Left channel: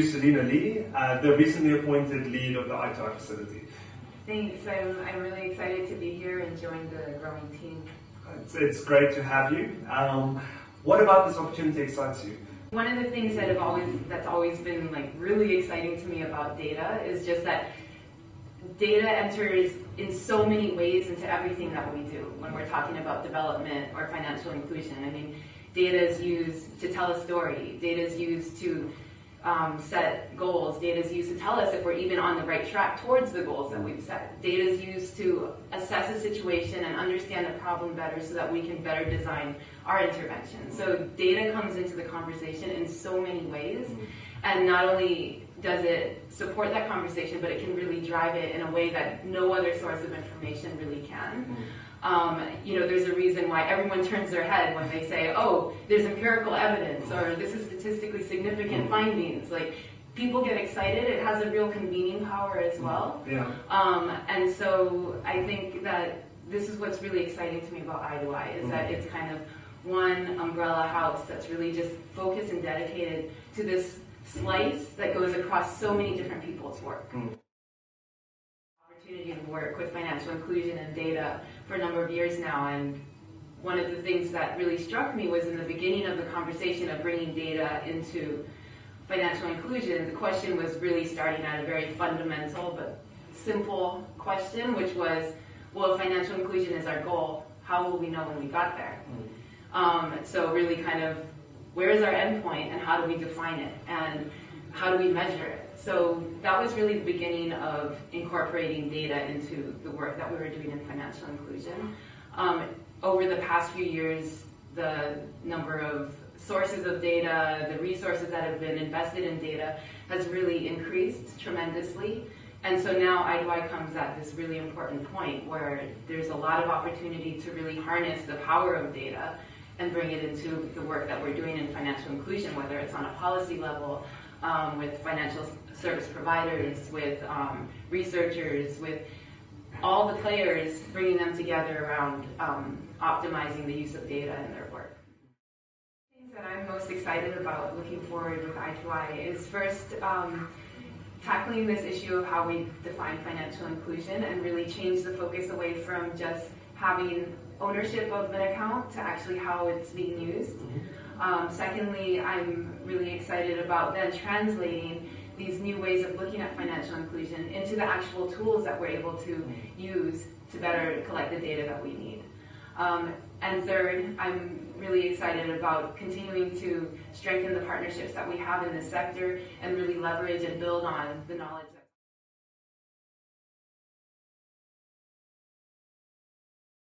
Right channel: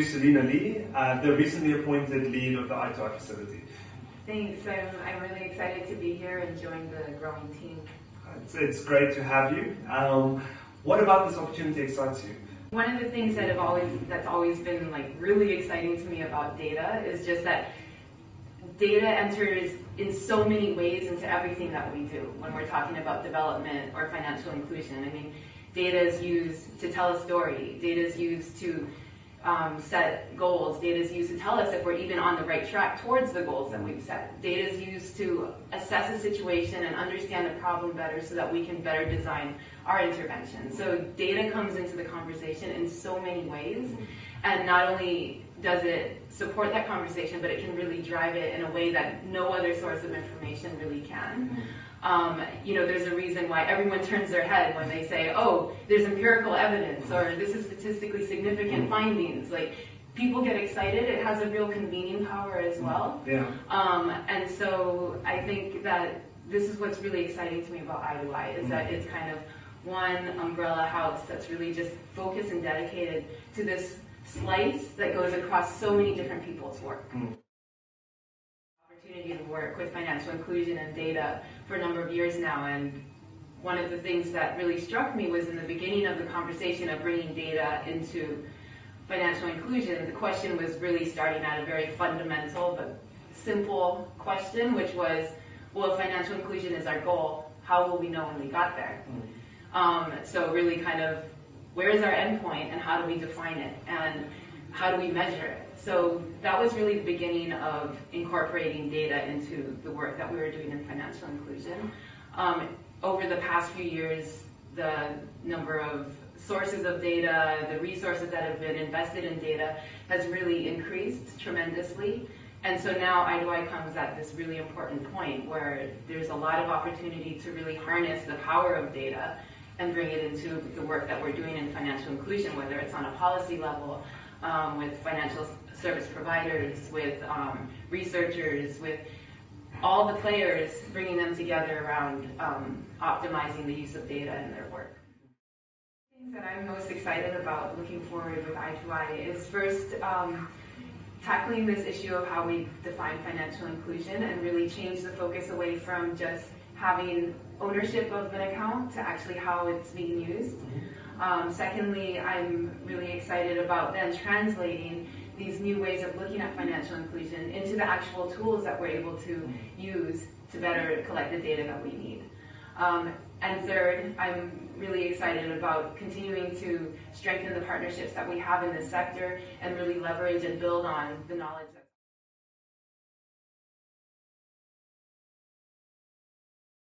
you Celina Lee, the recently appointed lead of the I2I facility. Thanks. I'm really excited to be here and join the growing team. It's great to have you. What about this opportunity excites you? One of the things that that's always been really exciting to me about data is just that data enters in so many ways into everything that we do when we're talking about development or financial inclusion. I mean, data is used to tell a story. Data is used to set goals. Data is used to tell us if we're even on the right track towards the goals that we've set. Data is used to assess a situation and understand the problem better so that we can better design our intervention. So data comes into the conversation in so many ways, and not only does it support that conversation, but it can really drive it in a way that no other source of information really can. There's a reason why everyone turns their head when they say, oh, there's empirical evidence, or this is statistically significant findings. People get excited. It has a real convening power as well. Yeah. And so I think that this is what's really exciting to me about I2I, is that it's kind of one umbrella house that's really just focused and dedicated to this slice that goes across so many different people's work. Opportunity to work with financial inclusion and data for a number of years now, and one of the things that really struck me was in the beginning of the conversation of bringing data into financial inclusion, and the question was really starting at a very fundamental but simple question, which was, well, if financial inclusion is our goal, how will we know when we got there? So really kind of, where is our endpoint and how do we define it and how do we measure it? So that was really the beginning of incorporating data into the work that we were doing in financial inclusion. Over the past few years, the number of sources of data, the resources that have been invested in data has really increased tremendously. And so now I2I comes at this really important point where there's a lot of opportunity to really harness the power of data and bring it into the work that we're doing in financial inclusion, whether it's on a policy level, with financial service providers, with researchers, with all the players, bringing them together around optimizing the use of data in their work. The things that I'm most excited about looking forward with I2I is first tackling this issue of how we define financial inclusion and really change the focus away from just having ownership of an account to actually how it's being used. Secondly, I'm really excited about then translating these new ways of looking at financial inclusion into the actual tools that we're able to use to better collect the data that we need. And third, I'm really excited about continuing to strengthen the partnerships that we have in this sector and really leverage and build on the knowledge